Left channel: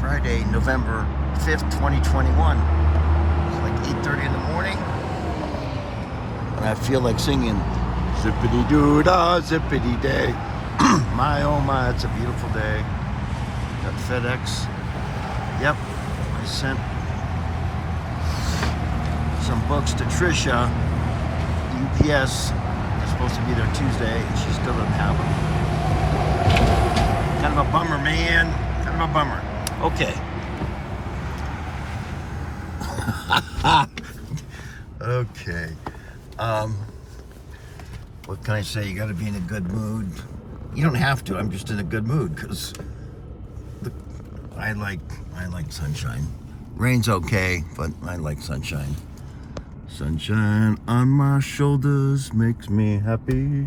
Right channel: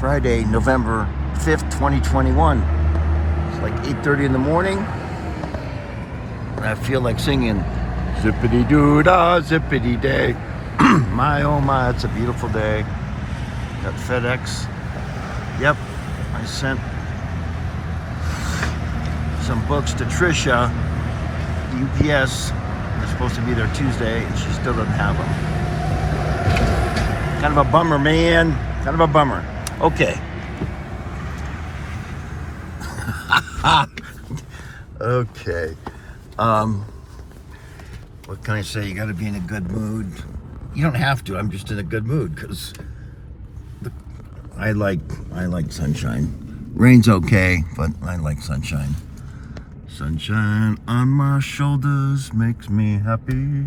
Friday, November 5th, 2021. It's like 8:30 in the morning, and I feel like singing zippity-doo-dah, zippity-day. My, oh my, it's a beautiful day. Got FedEx. Yep, I sent some books to Trisha. UPS. They're supposed to be there Tuesday, and she still doesn't have them. Kind of a bummer, man. Kind of a bummer. Okay. Okay. What can I say? You got to be in a good mood. You don't have to. I'm just in a good mood because I like sunshine. Rain's okay, but I like sunshine. Sunshine on my shoulders makes me happy.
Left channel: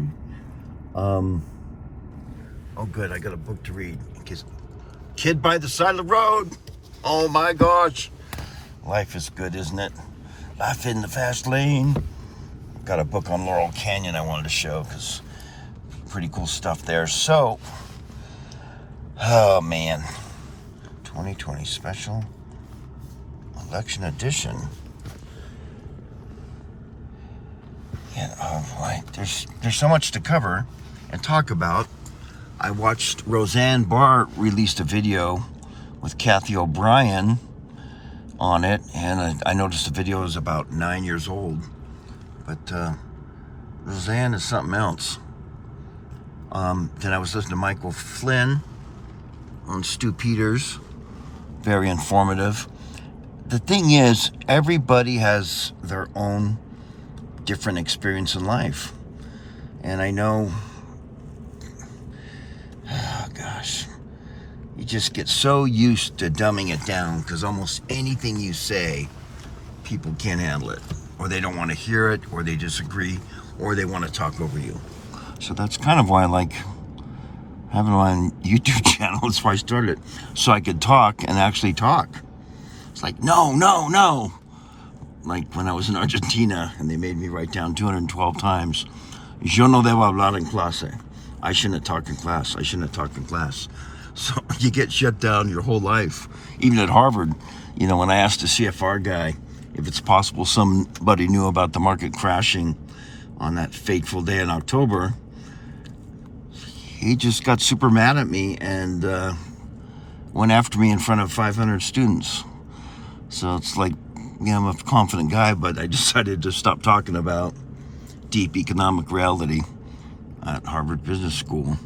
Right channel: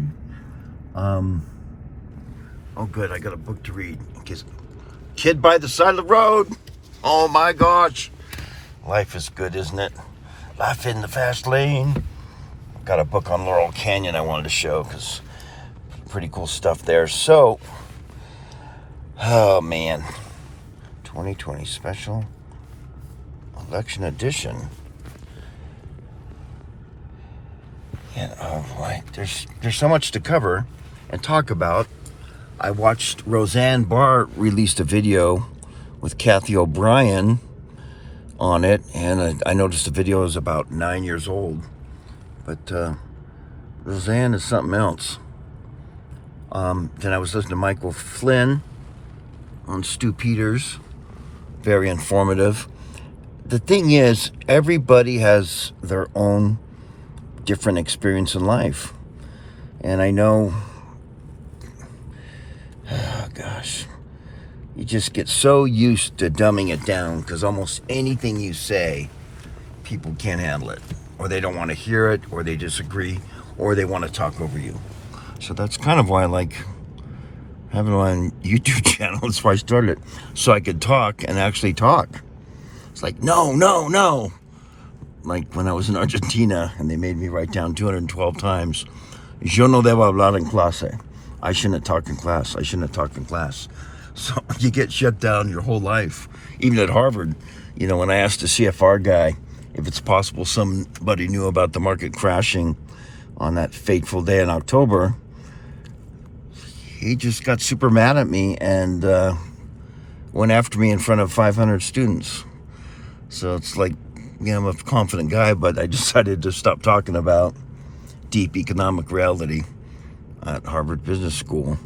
Oh, good. I got a book to read. Kid by the side of the road. Oh my gosh. Life is good, isn't it? Life in the fast lane. Got a book on Laurel Canyon I wanted to show because pretty cool stuff there. So, oh man. 2020 special election edition. Yeah, right. There's so much to cover and talk about. I watched Roseanne Barr released a video with Kathy O'Brien on it, and I noticed the video is about 9 years old. But Roseanne is something else. Then I was listening to Michael Flynn on Stu Peters. Very informative. The thing is, everybody has their own different experience in life. And I know, oh gosh, you just get so used to dumbing it down because almost anything you say, people can't handle it, or they don't want to hear it, or they disagree, or they want to talk over you. So that's kind of why I like having my YouTube channel. That's why I started it, so I could talk and actually talk. It's like, no. Like when I was in Argentina and they made me write down 212 times, yo no debo hablar en clase. I shouldn't have talked in class. I shouldn't have talked in class. So you get shut down your whole life. Even at Harvard, you know, when I asked the CFR guy if it's possible somebody knew about the market crashing on that fateful day in October, he just got super mad at me and went after me in front of 500 students. So it's like, yeah, I'm a confident guy, but I decided to stop talking about deep economic reality at Harvard Business School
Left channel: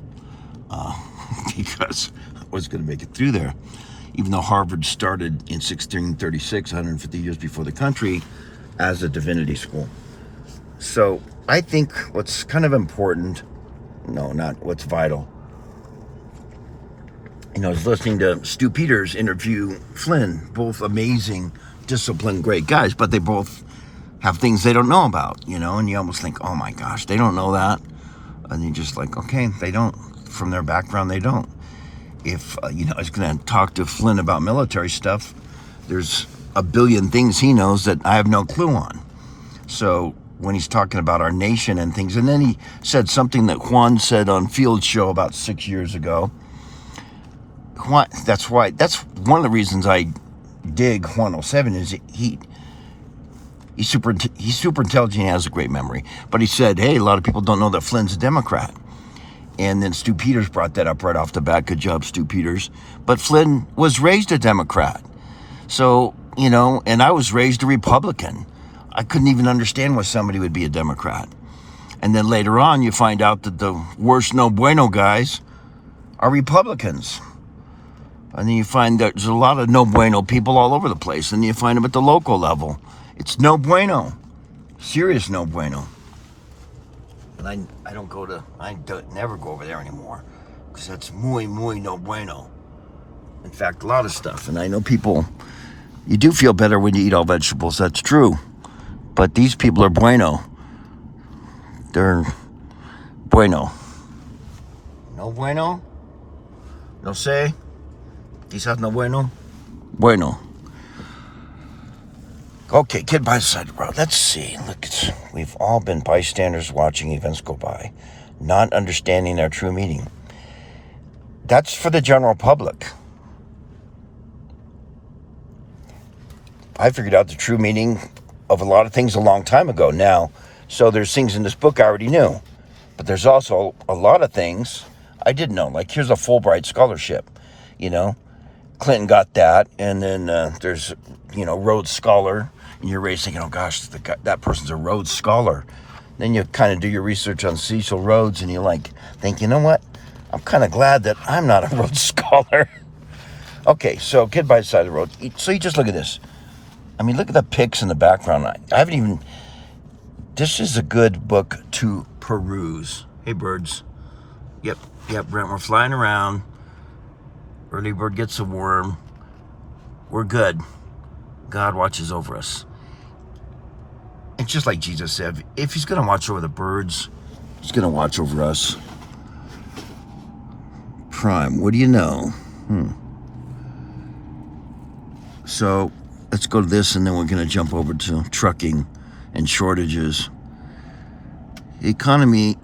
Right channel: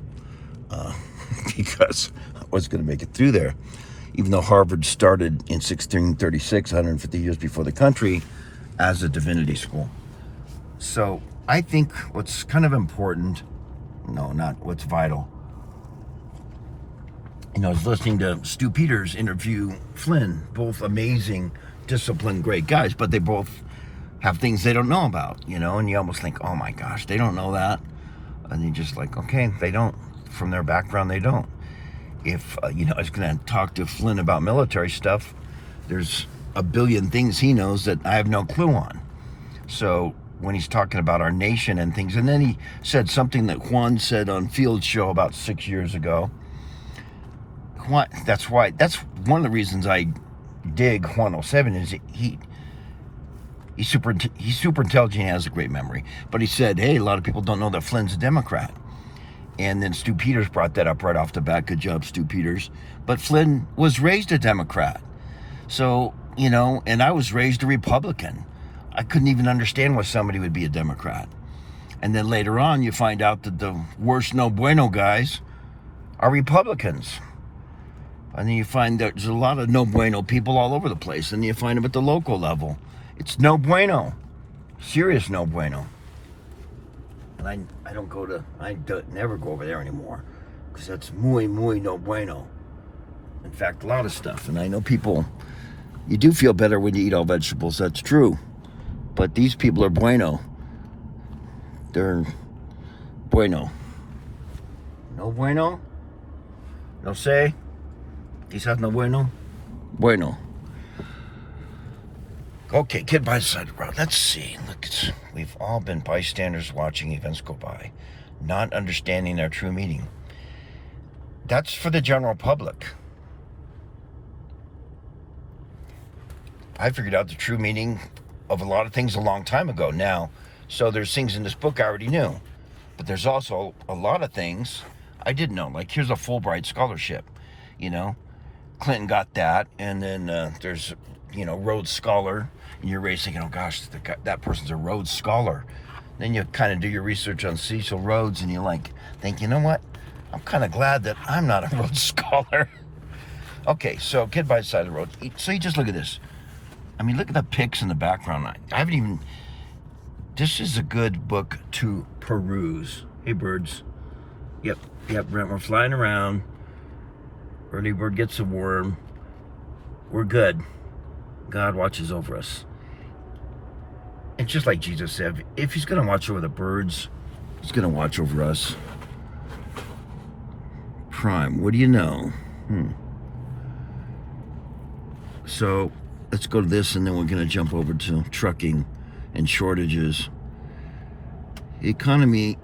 because I was going to make it through there. Even though Harvard started in 1636, 150 years before the country, as a divinity school. So I think what's kind of important, no, not what's vital, you know, is listening to Stu Peters interview Flynn, both amazing, disciplined, great guys, but they both have things they don't know about, you know, and you almost think, oh my gosh, they don't know that. And you're just like, okay, they don't. From their background, they don't. If, you know, I was going to talk to Flynn about military stuff, there's a billion things he knows that I have no clue on. So when he's talking about our nation and things, and then he said something that Juan said on Field Show about 6 years ago. Juan, that's one of the reasons I dig Juan 07 is he's super intelligent. He has a great memory. But he said, hey, a lot of people don't know that Flynn's a Democrat. And then Stu Peters brought that up right off the bat. Good job, Stu Peters. But Flynn was raised a Democrat. So, you know, and I was raised a Republican. I couldn't even understand why somebody would be a Democrat. And then later on, you find out that the worst no bueno guys are Republicans. And then you find that there's a lot of no bueno people all over the place. And you find them at the local level. It's no bueno. Serious no bueno. And I never go over there anymore. Because that's muy no bueno. In fact, a lot of stuff. And I know people, you do feel better when you eat all vegetables. That's true. But these people are bueno. They're bueno. No bueno? No sé. Quizás no bueno. Bueno. Okay, kid by the side of the road. Let's see. Look, we've all been bystanders watching events go by, not understanding their true meaning. That's for the general public. I figured out the true meaning of a lot of things a long time ago now. So there's things in this book I already knew. But there's also a lot of things I didn't know. Like, here's a Fulbright scholarship, you know. Clinton got that. And then there's, Rhodes Scholar. And you're raised thinking, oh, gosh, that person's a Rhodes Scholar. Then you kind of do your research on Cecil Rhodes, and you think, you know what? I'm kind of glad that I'm not a Rhodes Scholar. Okay, so Kid by the Side of the Road. So you just look at this. I mean, look at the pics in the background. I haven't even... This is a good book to peruse. Hey, birds. Yep, Brent, we're flying around. Early bird gets a worm. We're good. God watches over us. And just like Jesus said, if he's going to watch over the birds, he's going to watch over us. Prime, what do you know? So let's go to this, and then we're going to jump over to trucking and shortages. The economy,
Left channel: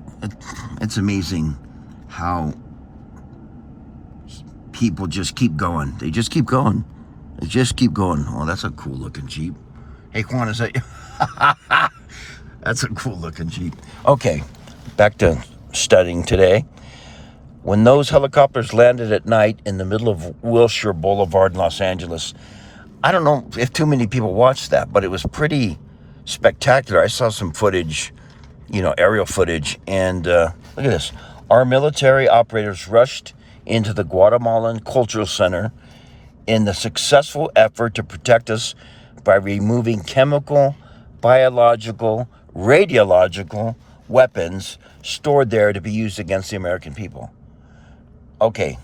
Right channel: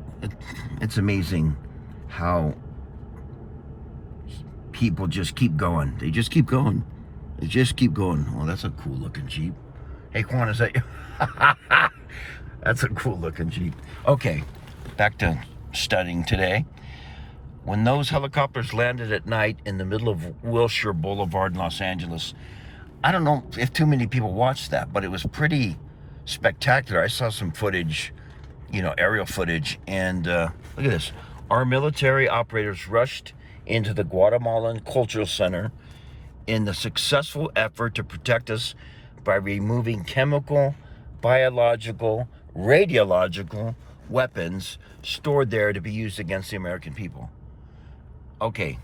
it's amazing how people just keep going. They just keep going. Oh, that's a cool looking Jeep. Hey, Juan, is that you? That's a cool looking Jeep. Okay, back to studying today. When those helicopters landed at night in the middle of Wilshire Boulevard in Los Angeles, I don't know if too many people watched that, but it was pretty spectacular. I saw some footage, aerial footage, and look at this. Our military operators rushed into the Guatemalan Cultural Center in the successful effort to protect us by removing chemical, biological, radiological weapons stored there to be used against the American people. Okay.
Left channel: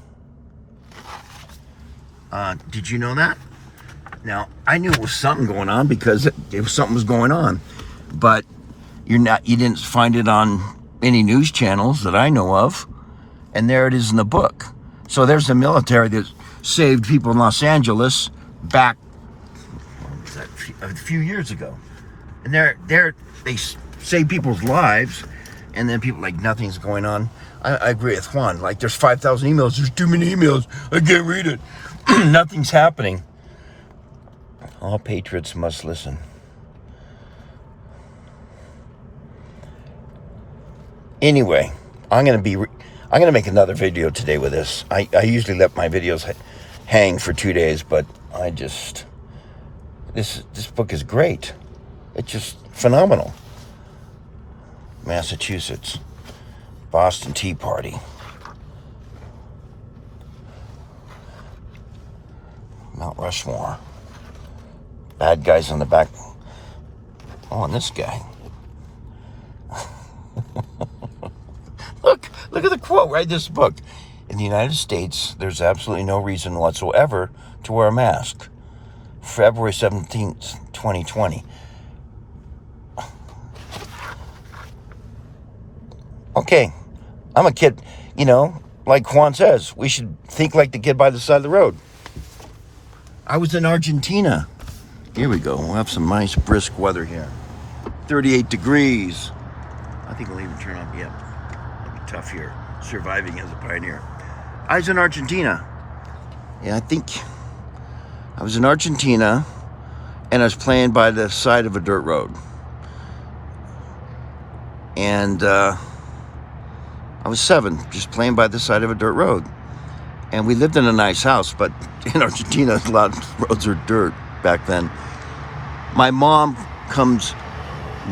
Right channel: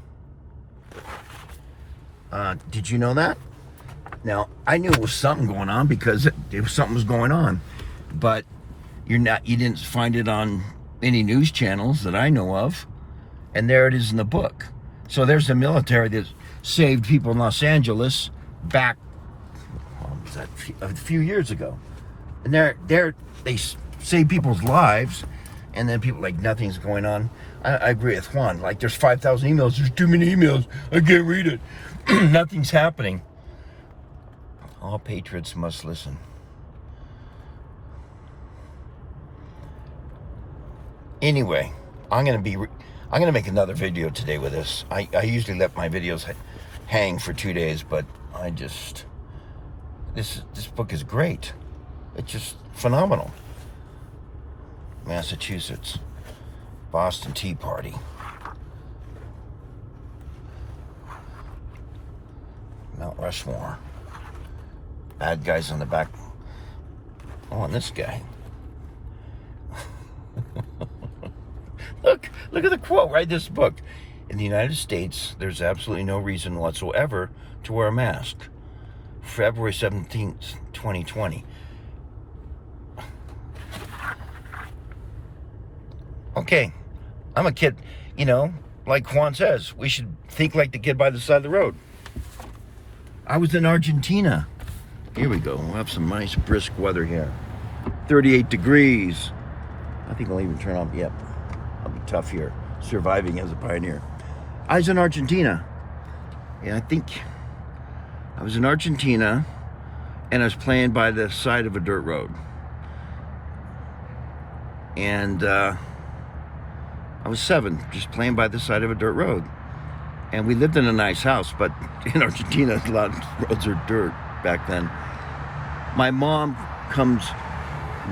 Did you know that? Now, I knew it was something going on because something was going on, but you didn't find it on any news channels that I know of, and there it is in the book. So there's the military that saved people in Los Angeles back, a few years ago, and they save people's lives, and then people nothing's going on. I agree with Juan. There's 5,000 emails. There's too many emails. I can't read it. Nothing's happening. All patriots must listen. Anyway, I'm gonna make another video today with this. I usually let my videos hang for 2 days, but this book is great. It's just phenomenal. Massachusetts, Boston Tea Party, Mount Rushmore, bad guys on the back. Oh, and this guy. Look at the quote, right? This book. In the United States, there's absolutely no reason whatsoever to wear a mask. February 17th, 2020. Okay, I'm a kid, like Juan says, we should think like the kid by the side of the road. I was in Argentina. Here we go. We'll have some nice brisk weather here. 38 degrees. I think I'll even turn on, yep. I'll be tough here, surviving as a pioneer. I was in Argentina. Yeah, I think I was in Argentina, and I was playing by the side of a dirt road. And I was 7, just playing by the side of a dirt road. And we lived in a nice house, but in Argentina, a lot of roads are dirt back then. My mom comes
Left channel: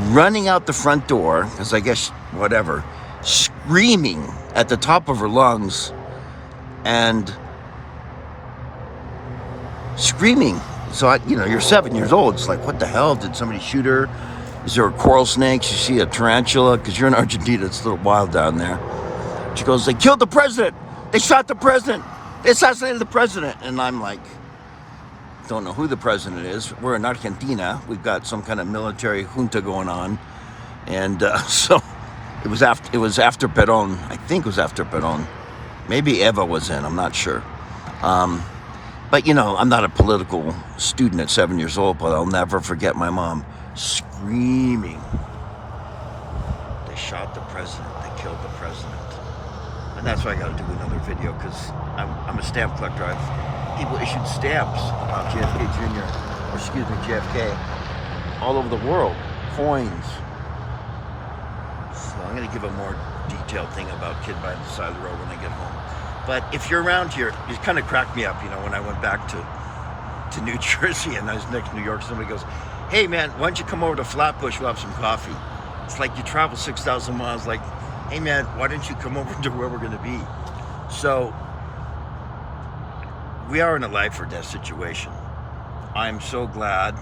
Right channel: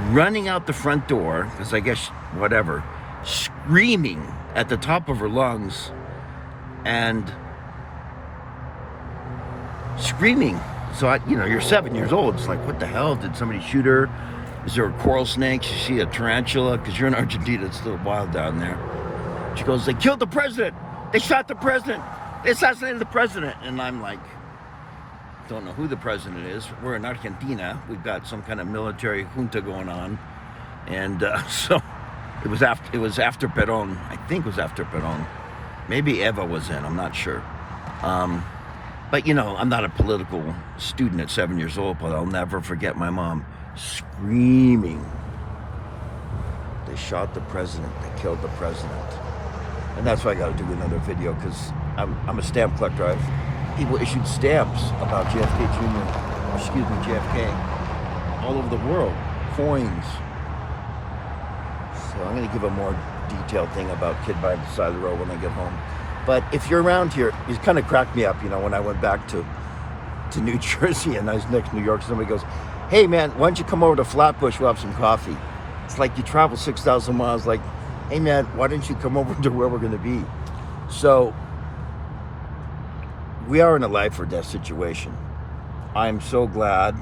running out the front door, because I guess, whatever, screaming at the top of her lungs, and screaming. So, you're 7 years old. It's like, what the hell? Did somebody shoot her? Is there a coral snake? Did she see a tarantula? Because you're in Argentina, it's a little wild down there. She goes, they killed the president. They shot the president. They assassinated the president. And I'm like, don't know who the president is. We're in Argentina. We've got some kind of military junta going on. And so it was after Perón. I think it was after Perón. Maybe Eva was in, I'm not sure. But I'm not a political student at 7 years old, but I'll never forget my mom screaming. They shot the president. They killed the president. And that's why I got to do another video, because I'm a stamp collector. People issued stamps about JFK Jr. excuse me, JFK, all over the world, coins. So I'm going to give a more detailed thing about Kid by the Side of the Road when I get home. But if you're around here, it kind of cracked me up, when I went back to New Jersey and I was next to New York, somebody goes, hey man, why don't you come over to Flatbush, we'll have some coffee. It's like you travel 6,000 miles, like, hey man, why don't you come over to where we're going to be? So we are in a life or death situation. I'm so glad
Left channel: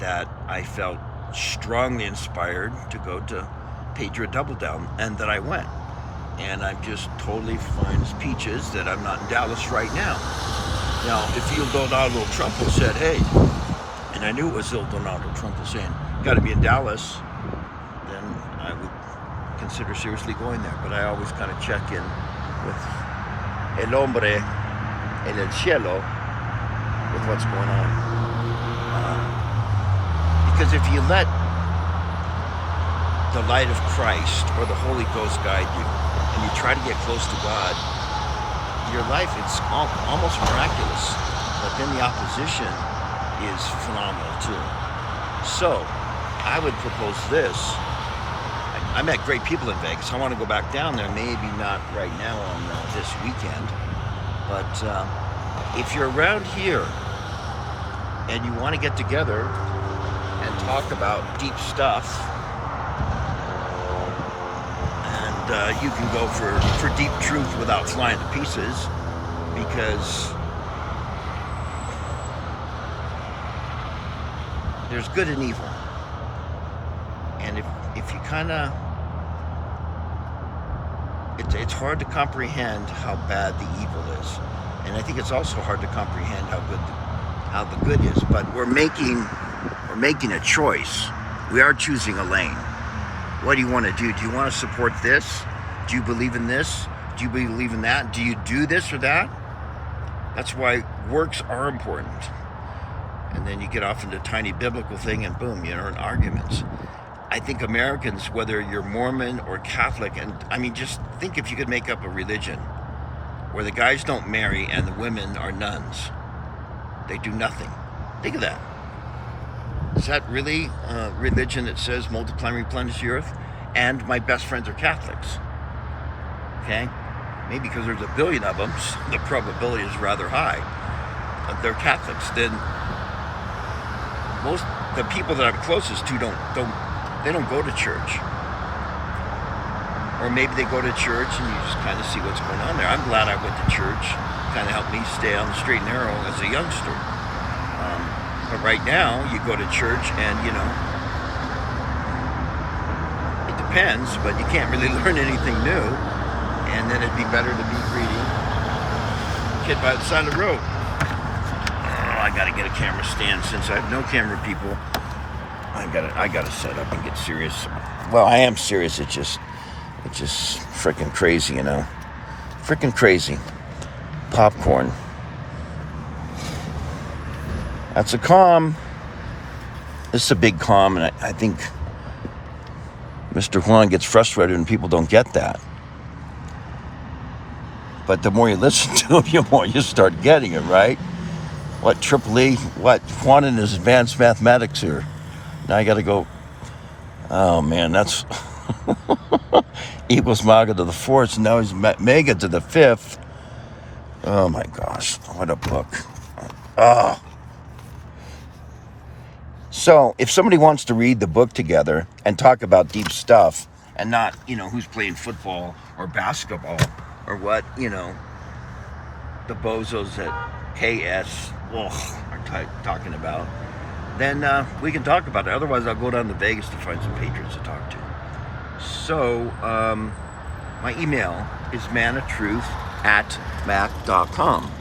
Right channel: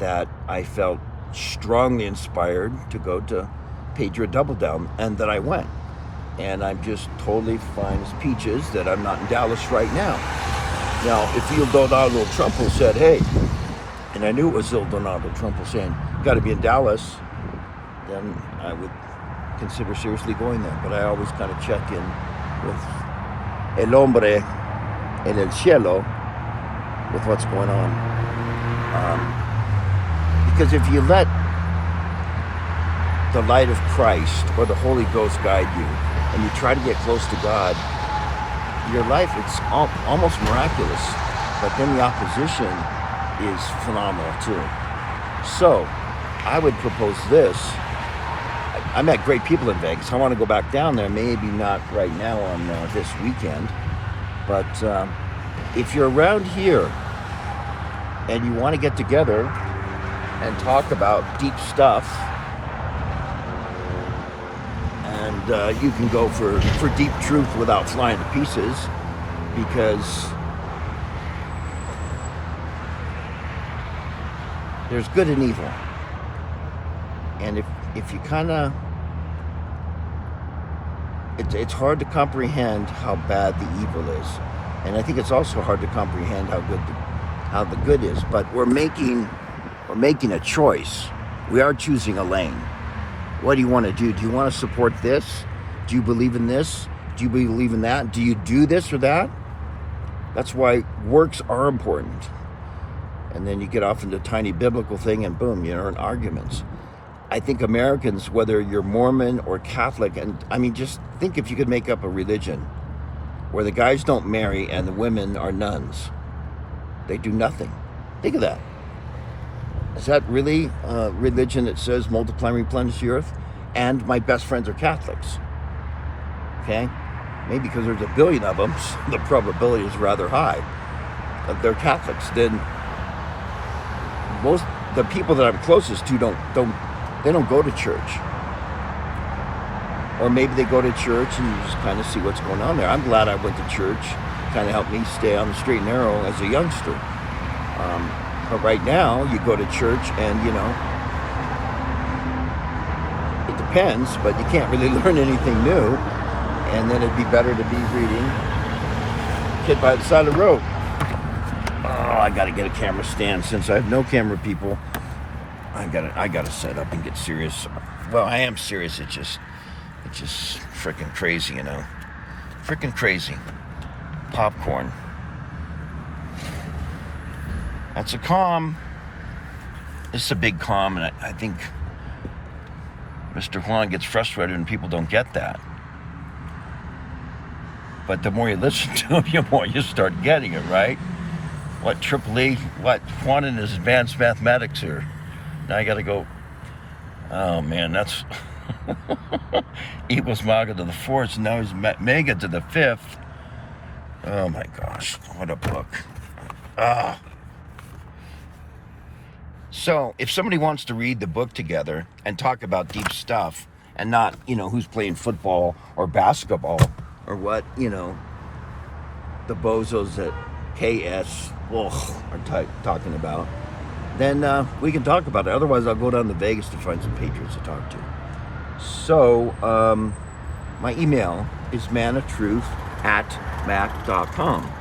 that I felt strongly inspired to go to Patriot Double Down and that I went. And I'm just totally fine as peaches that I'm not in Dallas right now. Now, if Il Donaldo Trump said, hey, and I knew it was Il Donaldo Trump saying, you got to be in Dallas, then I would consider seriously going there. But I always kind of check in with el hombre en el cielo with what's going on. Because if you let the light of Christ or the Holy Ghost guide you and you try to get close to God, your life, it's almost miraculous. But then the opposition is phenomenal too. So I would propose this. I met great people in Vegas. I want to go back down there, maybe not right now on this weekend. But if you're around here and you want to get together and talk about deep stuff, and you can go for deep truth without flying to pieces, because there's good and evil. And if you kind of, it's hard to comprehend how bad the evil is. And I think it's also hard to comprehend how the good is. But we're making a choice. We are choosing a lane. What do you want to do? Do you want to support this? Do you believe in this? Do you believe in that? Do you do this or that? That's why works are important. And then you get off into a tiny biblical thing and boom, you're in arguments. I think Americans, whether you're Mormon or Catholic, and I mean, just think if you could make up a religion where the guys don't marry and the women are nuns. They do nothing. Think of that. Is that really a religion that says multiply and replenish the earth? And my best friends are Catholics. Okay? Maybe because there's a billion of them, so the probability is rather high. But they're Catholics. Then most the people that I'm closest to don't go to church. Or maybe they go to church and you just kind of see what's going on there. I'm glad I went to church. Kind of helped me stay on the straight and narrow as a youngster. But right now, you go to church and, it depends, but you can't really learn anything new. And then it'd be better to be reading Kid by the Side of the Road. Oh, I got to get a camera stand. Since I have no camera people, I got to set up and get serious. Well, I am serious. It's just freaking crazy, Freaking crazy. Popcorn. That's a calm. This is a big calm, and I think Mr. Juan gets frustrated when people don't get that. But the more you listen to him, the more you start getting it, right? What, Triple E? What, Juan in his advanced mathematics here? Now I got to go, oh man, that's equals Maga to the fourth, and now he's Mega to the fifth. Oh my gosh, what a book. So if somebody wants to read the book together and talk about deep stuff and not, who's playing football or basketball or what, the bozos at KS are talking about, then we can talk about it. Otherwise, I'll go down to Vegas to find some patriots to talk to. So my email is manoftruth@mac.com.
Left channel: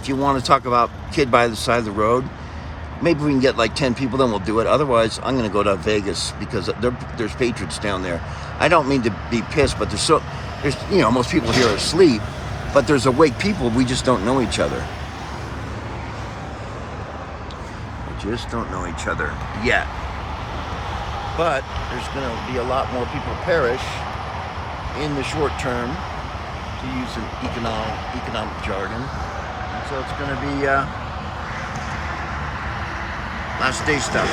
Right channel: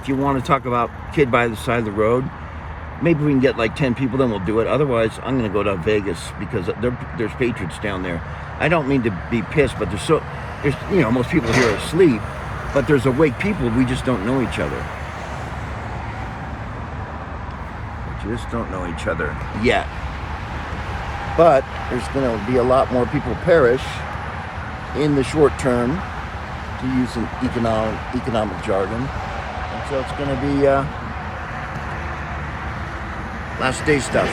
If you want to talk about Kid by the Side of the Road, maybe we can get like 10 people, then we'll do it. Otherwise, I'm going to go to Vegas because there's patriots down there. I don't mean to be pissed, but there's most people here are asleep, but there's awake people. We just don't know each other. We just don't know each other yet. But there's going to be a lot more people perish in the short term, to use some economic jargon. And so it's going to be Last day stuff.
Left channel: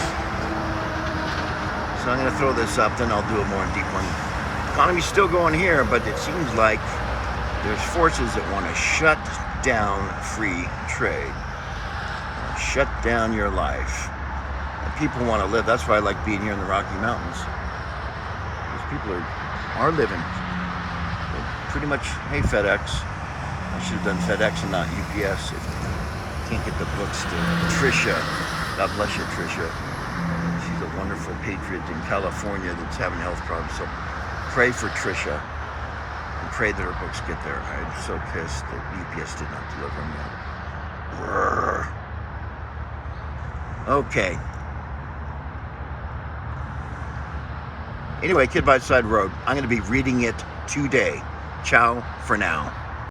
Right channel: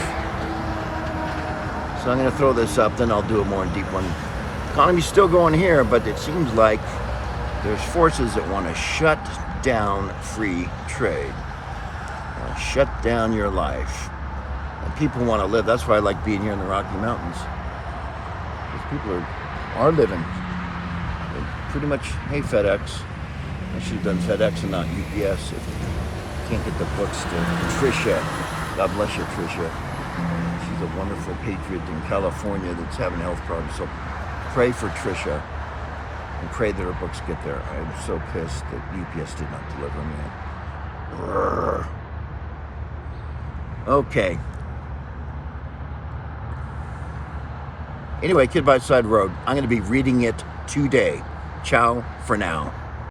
So I'm going to throw this up, then I'll do a more deep one. Economy's still going here, but it seems like there's forces that want to shut down free trade. Want to shut down your life. And people want to live. That's why I like being here in the Rocky Mountains. Because people are living. They're pretty much, hey FedEx. I should have done FedEx and not UPS. If you can't get the books to Tricia. God bless you, Tricia. She's a wonderful patriot in California that's having health problems. So pray for Tricia and pray that her books get there. I'm so pissed that UPS did not deliver them yet. Brrr. Okay. Anyway, Kid by the Side Road. I'm going to be reading it today. Ciao for now.